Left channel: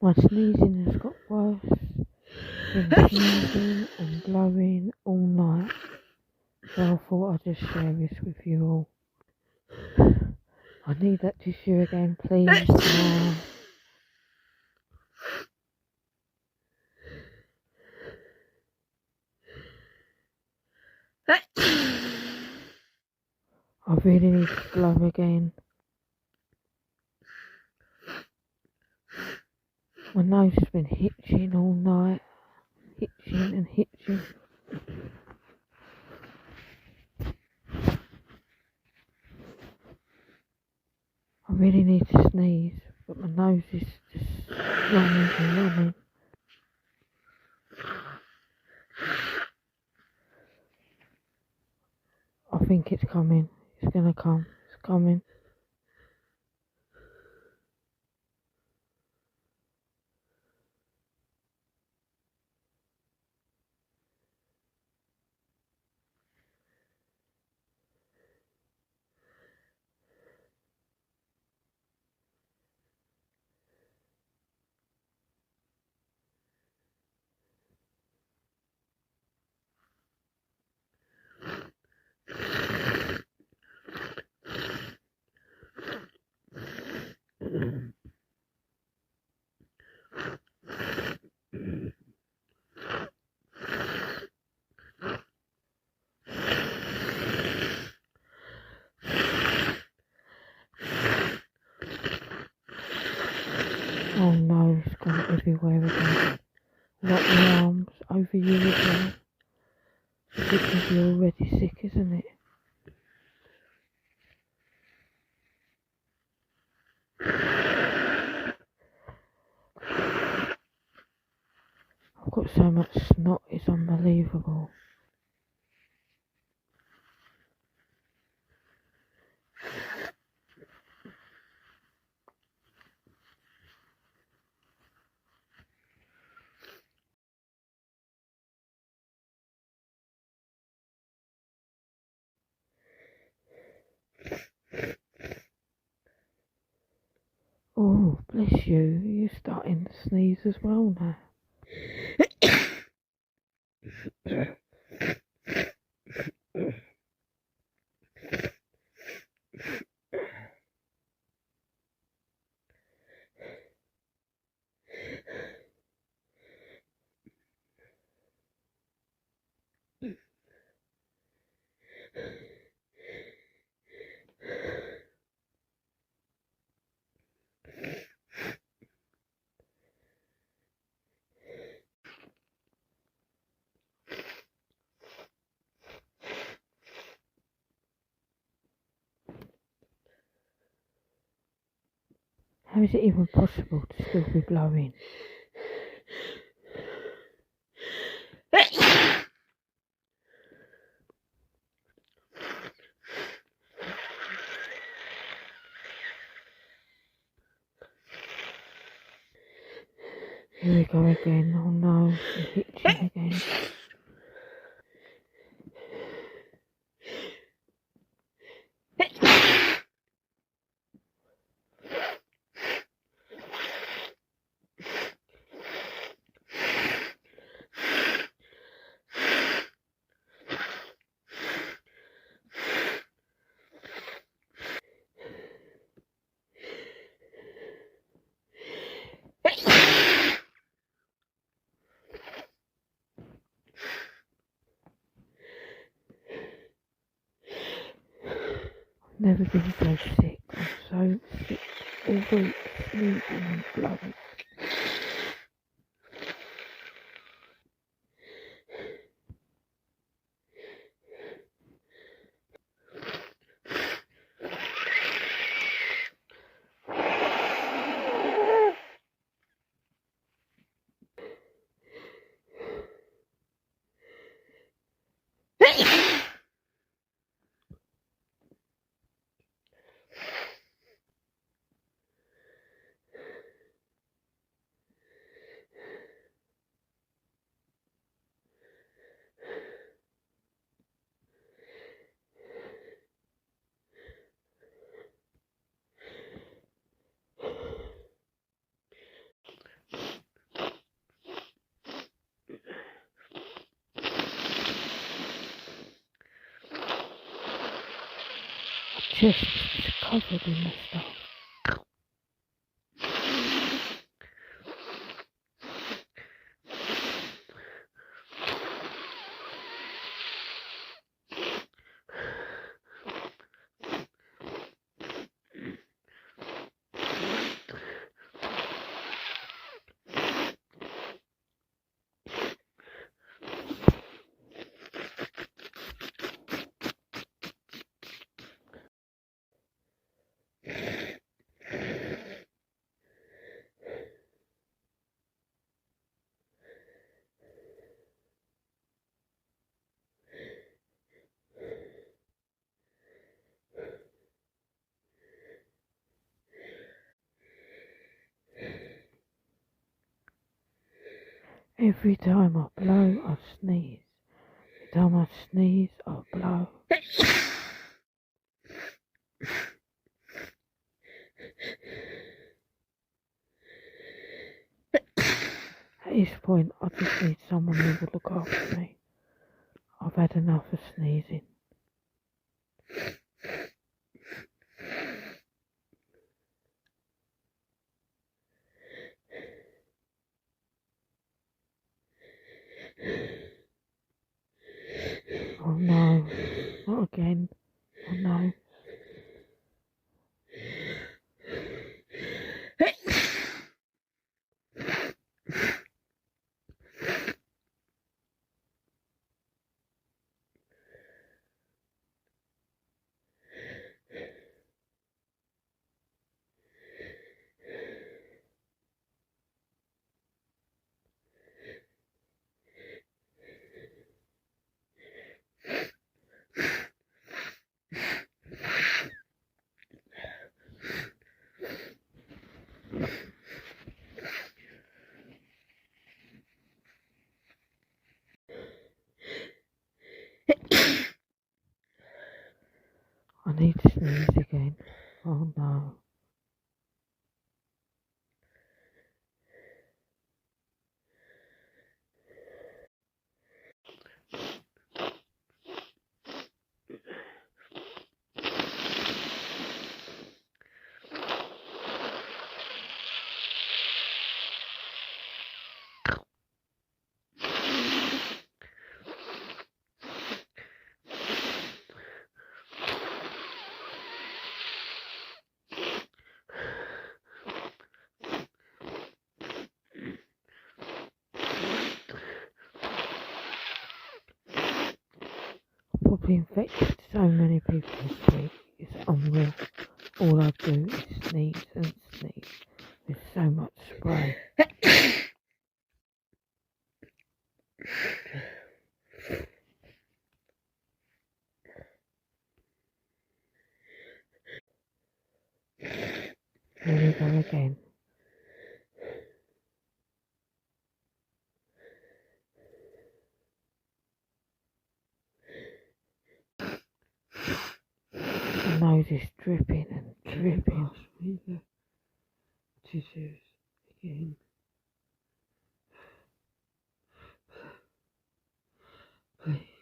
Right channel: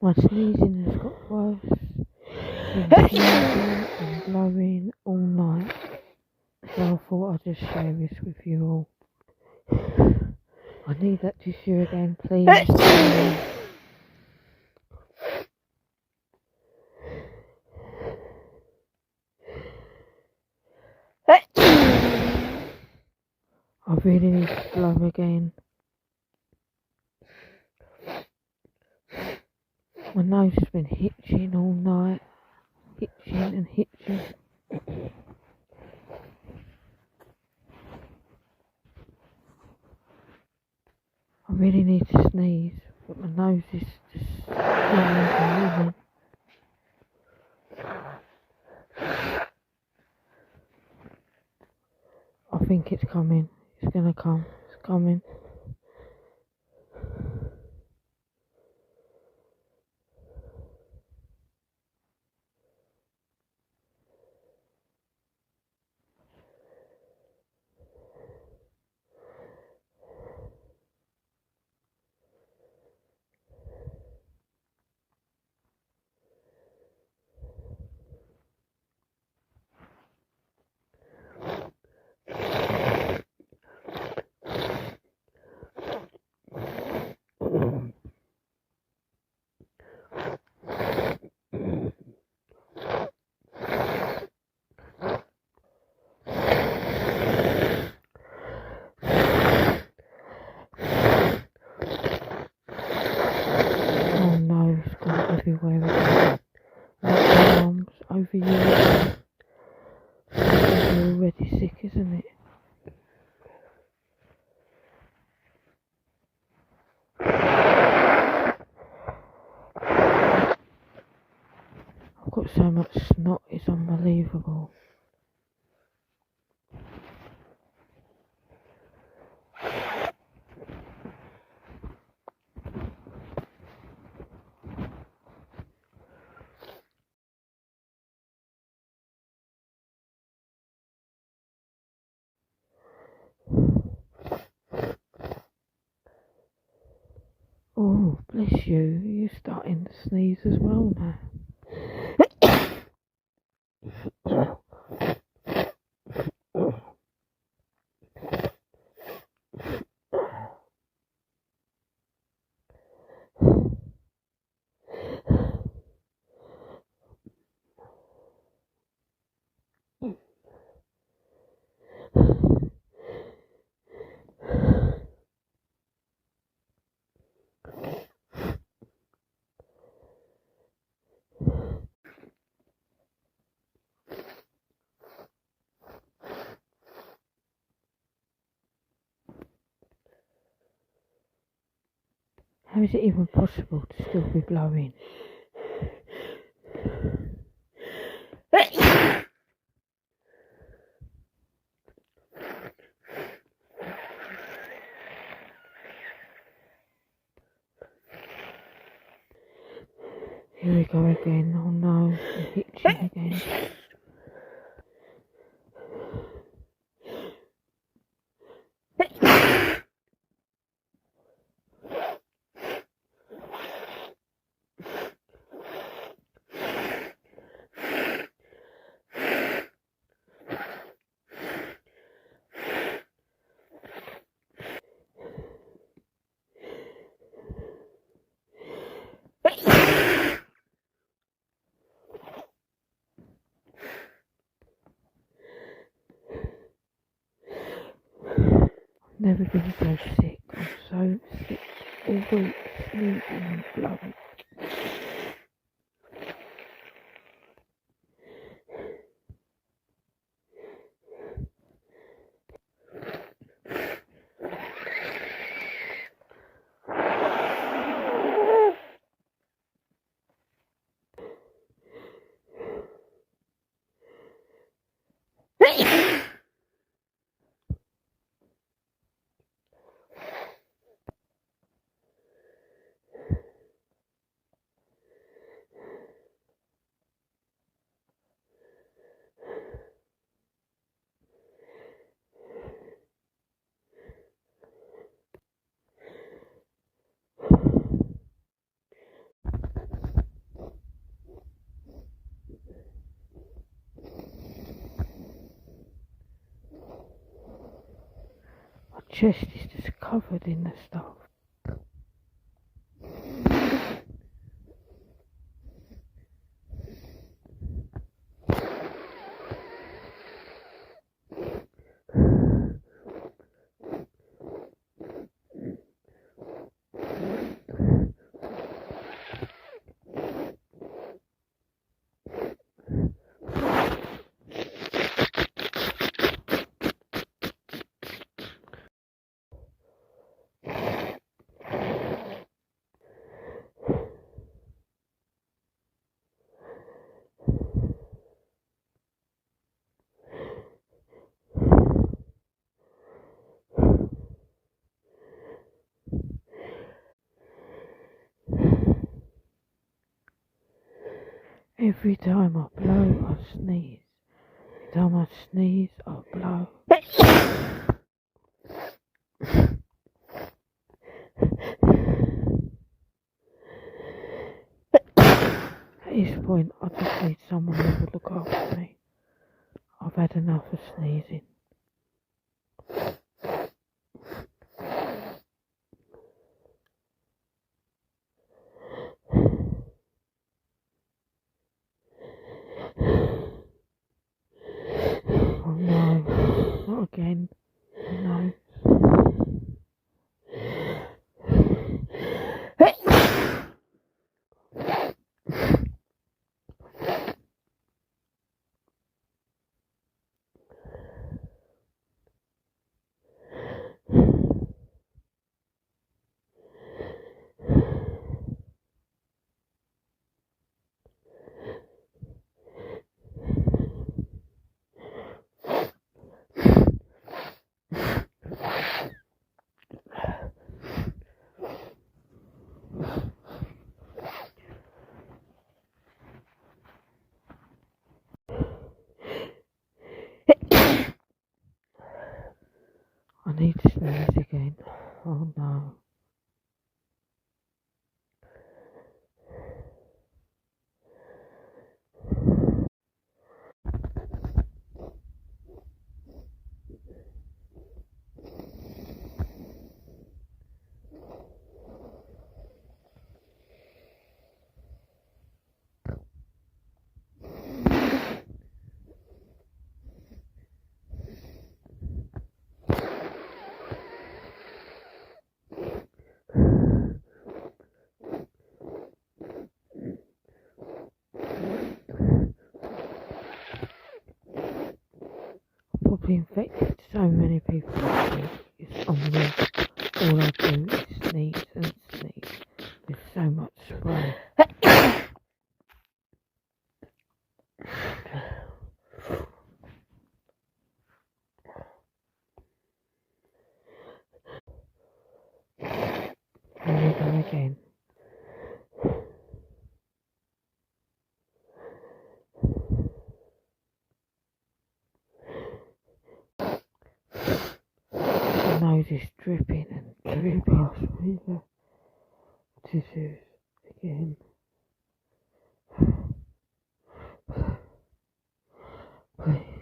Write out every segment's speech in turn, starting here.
My sneezing has got worse. Been sneezing and blowing all night. So I thought I'd just share this with you all. I need that tissue again, please. I really need to blow again. My nose has been hitching all night. Hitching and hitching. I really need to sneeze, but my nose is just running and running. I think it's coming. It's gonna come. It's coming. Oh no, it's gone everywhere again. Lock my arms over you again. Because you're already sick, isn't it? I've got so much snot, it's unbelievable. Oh, bless you. You're starting to sneeze as well now. How is it even possible to still be blowing? Here we go again. Oh no, I'm hitching again. Never been so sick. I'm so sick all week, sneezing and blowing. chest is just covered in the stuff. Every time I blow, I sneeze. Every time I sneeze, I blow. At this point, I just need someone who will look after me. I've had enough of sneezing. Oh no, not again. Oh no. I need to sneeze again. Oh no. Probably infected so many people this week. It's unreal. All I do is sneeze and sneeze. There's so much spray. Here we go again. My nose is dripping and dripping. Pass me the tissues again. Please.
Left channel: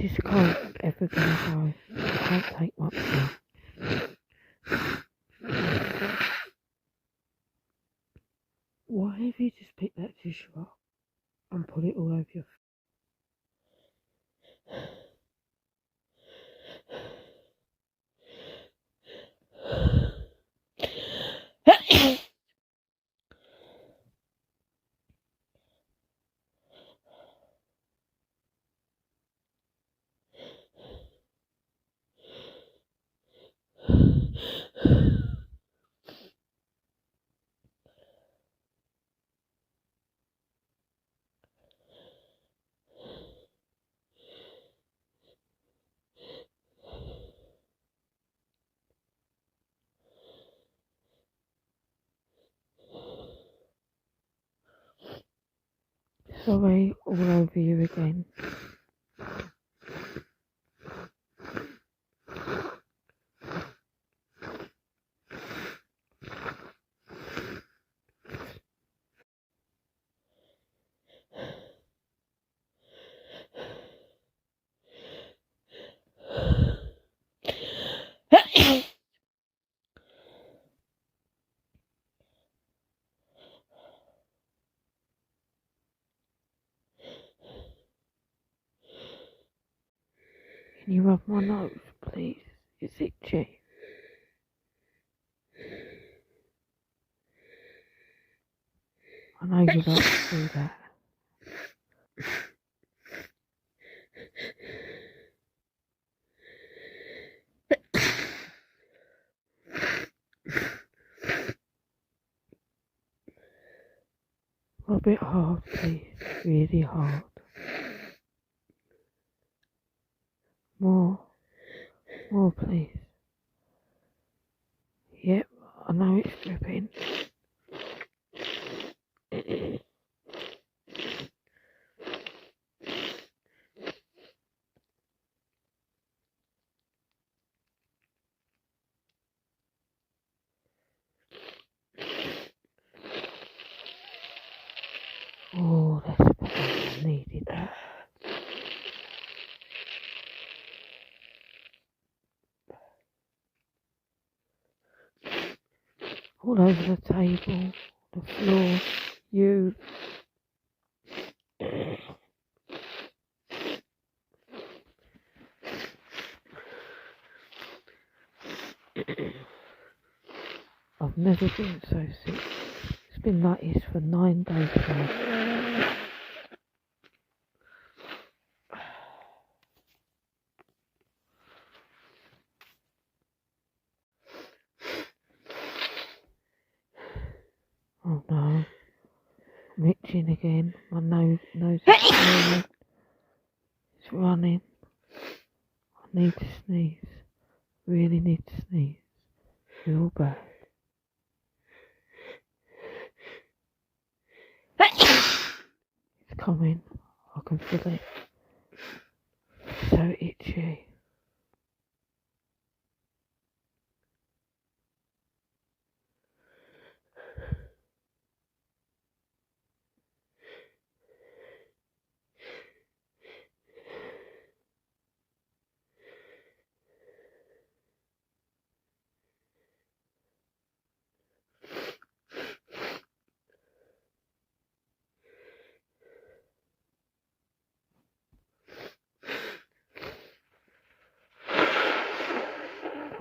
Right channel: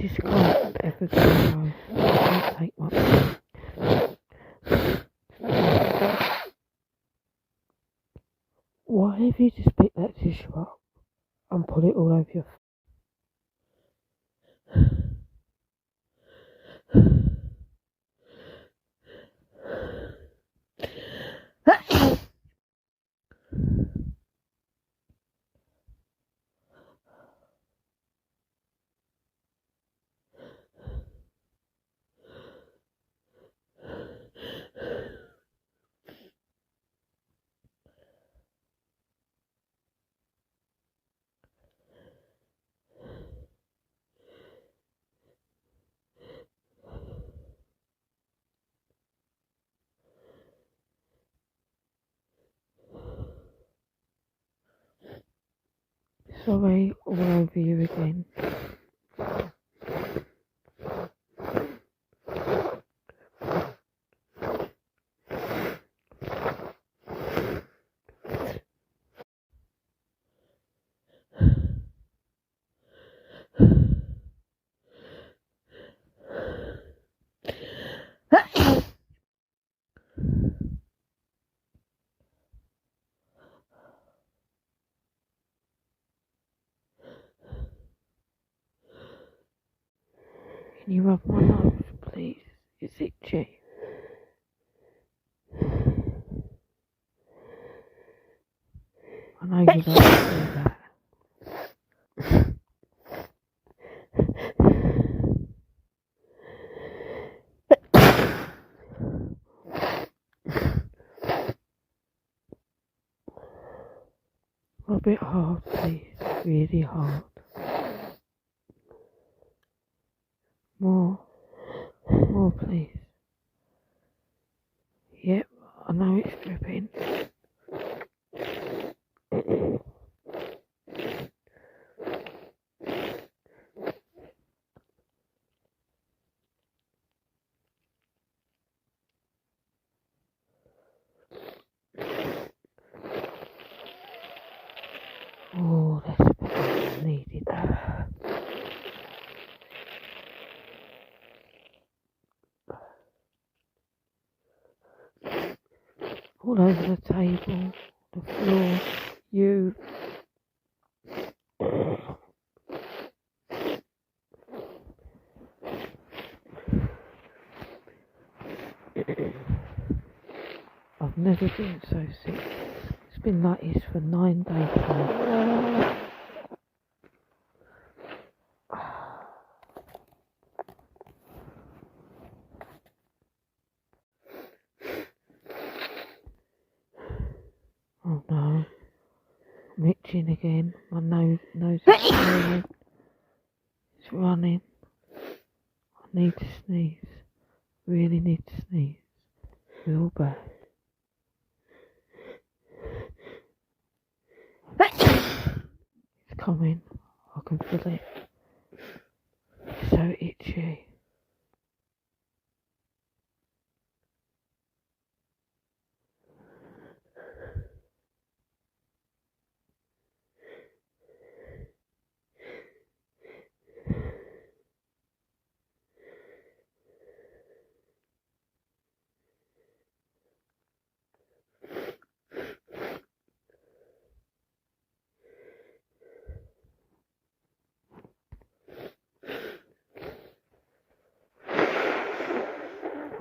This can't ever go low. I can't take much more. Why have you just picked that tissue up and put it all over your face? Sorry, all over you again. Can you rub my nose, please? It's itchy. I know you like to do that. Rub it hard, please. Really hard. More, please. Yep, I know it's dripping. Oh, that's better. I needed that. All over the table, the floor, you. I've never been so sick. It's been like this for 9 days now. Oh no, I'm itching again. My nose is running. It's running. I need to sneeze. Really need to sneeze. Real bad. It's coming. I can feel it. It's so itchy.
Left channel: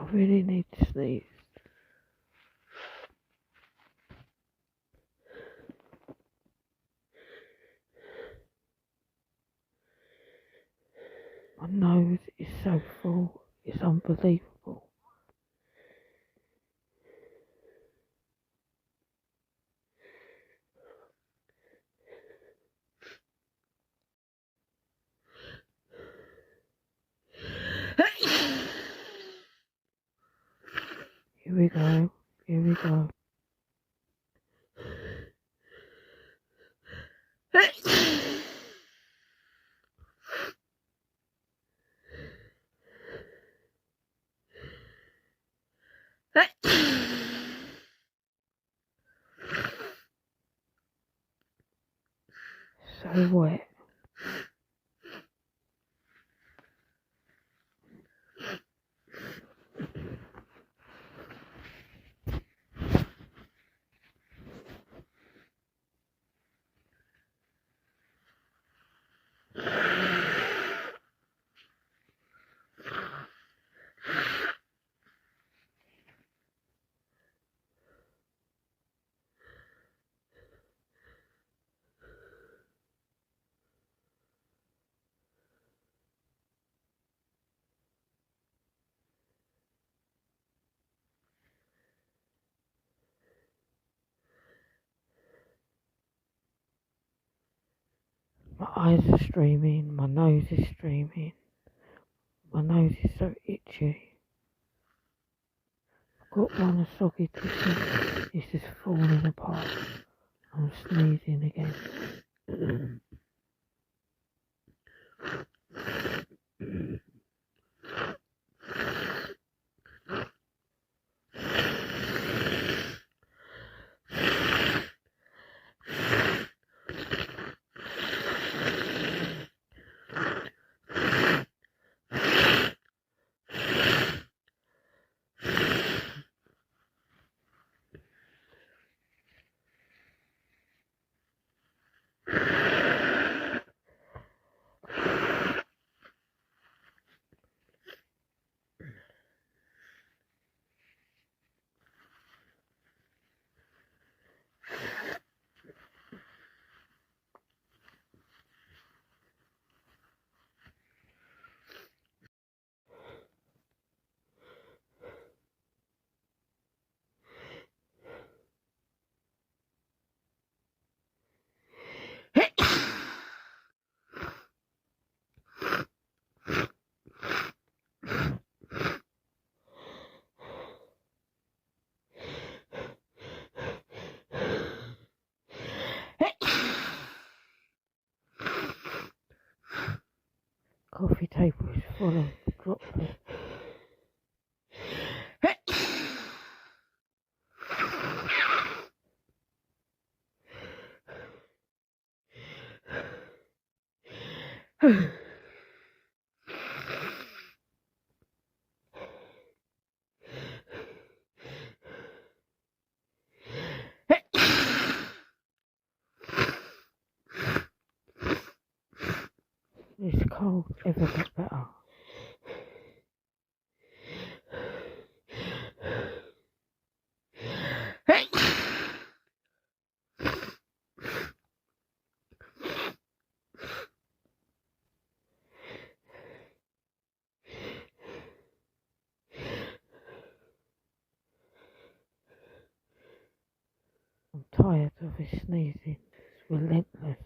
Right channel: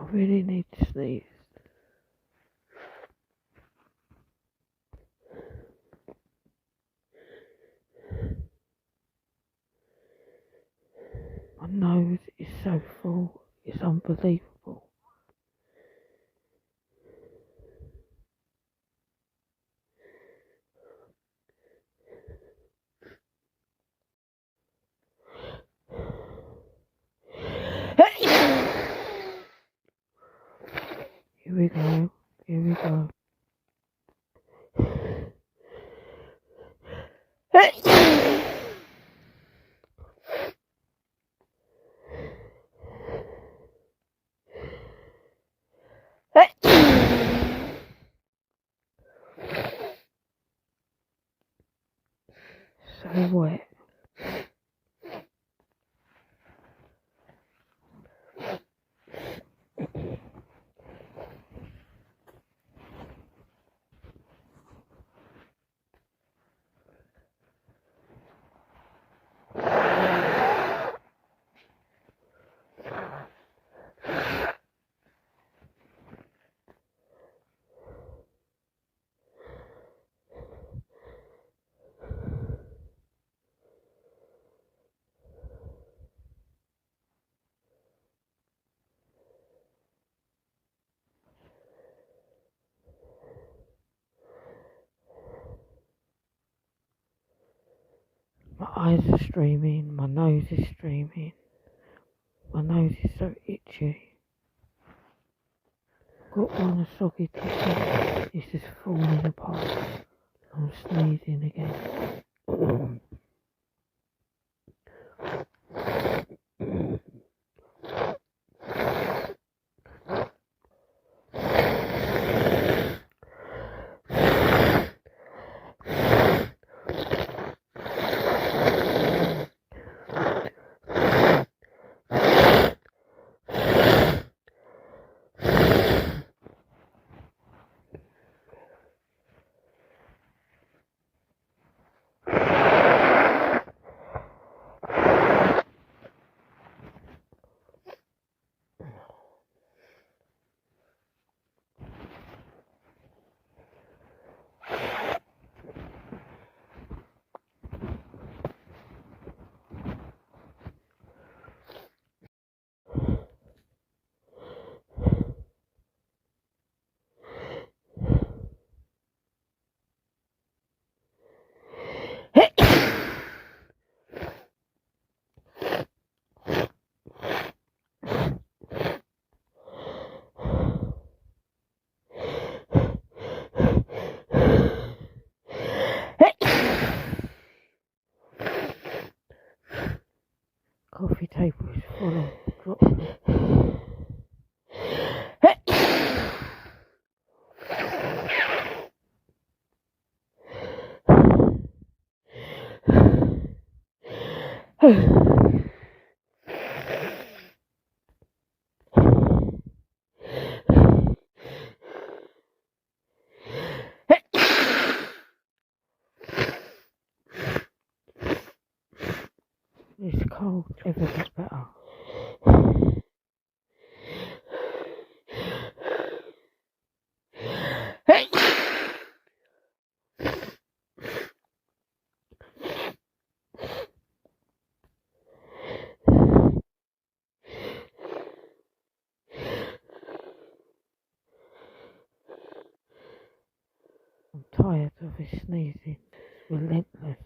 I really need to sneeze. My nose is so full. It's unbelievable. Here we go. Here we go. So wet. My eyes are streaming, my nose is streaming, my nose is so itchy. Got one a soggy tissue, it's just falling apart. I'm sneezing again. coffee table is full of droplets. This cold ever got better. I'm tired of his sneezing. It's relentless.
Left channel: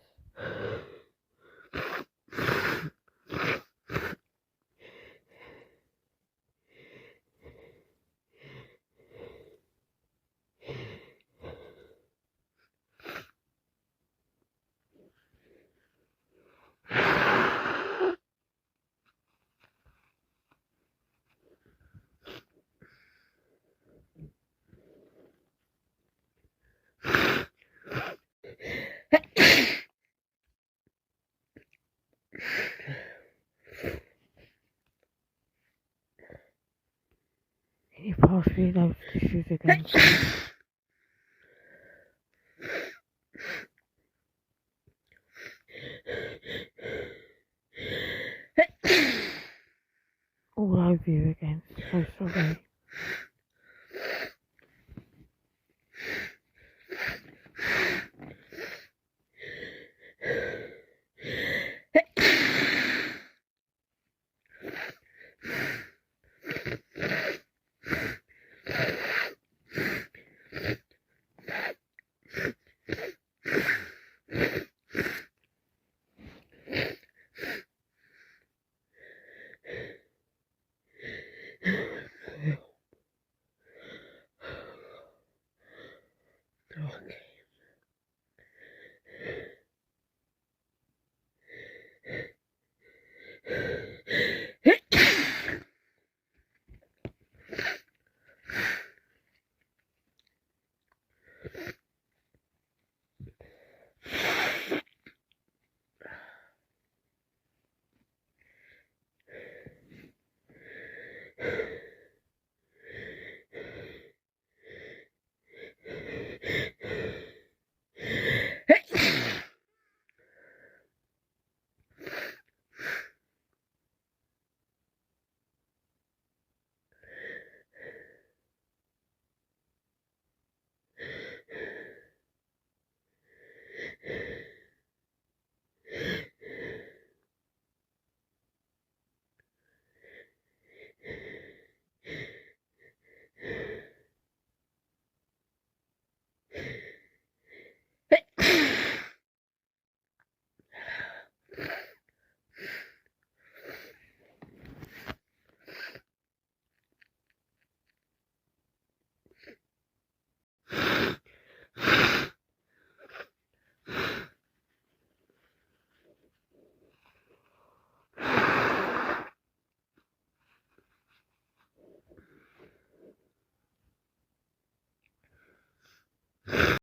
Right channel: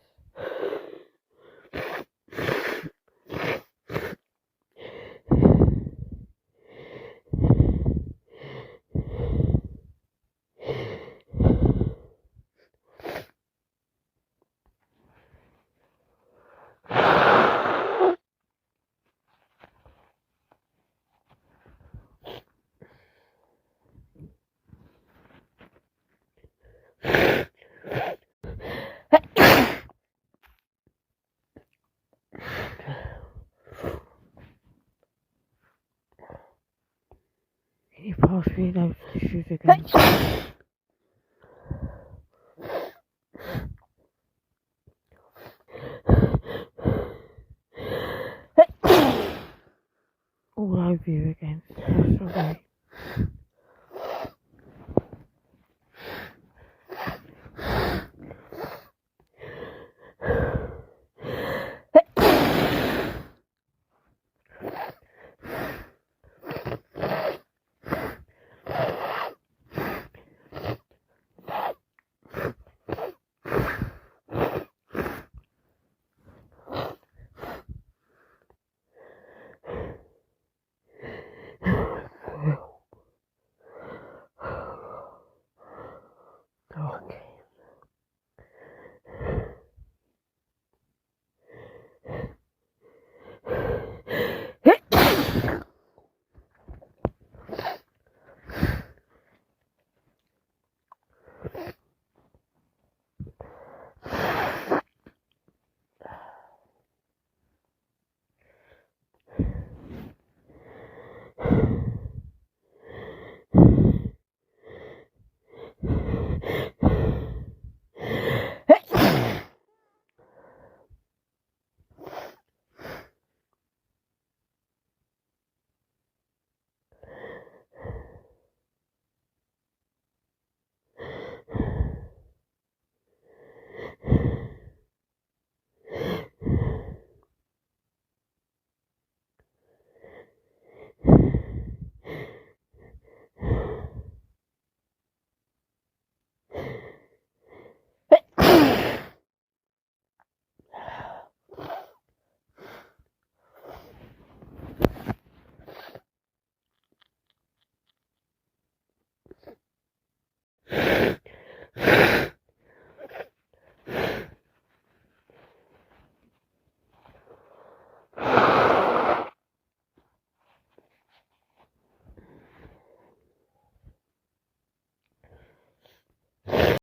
Can you pass me those tissues again? All over you again. So sorry.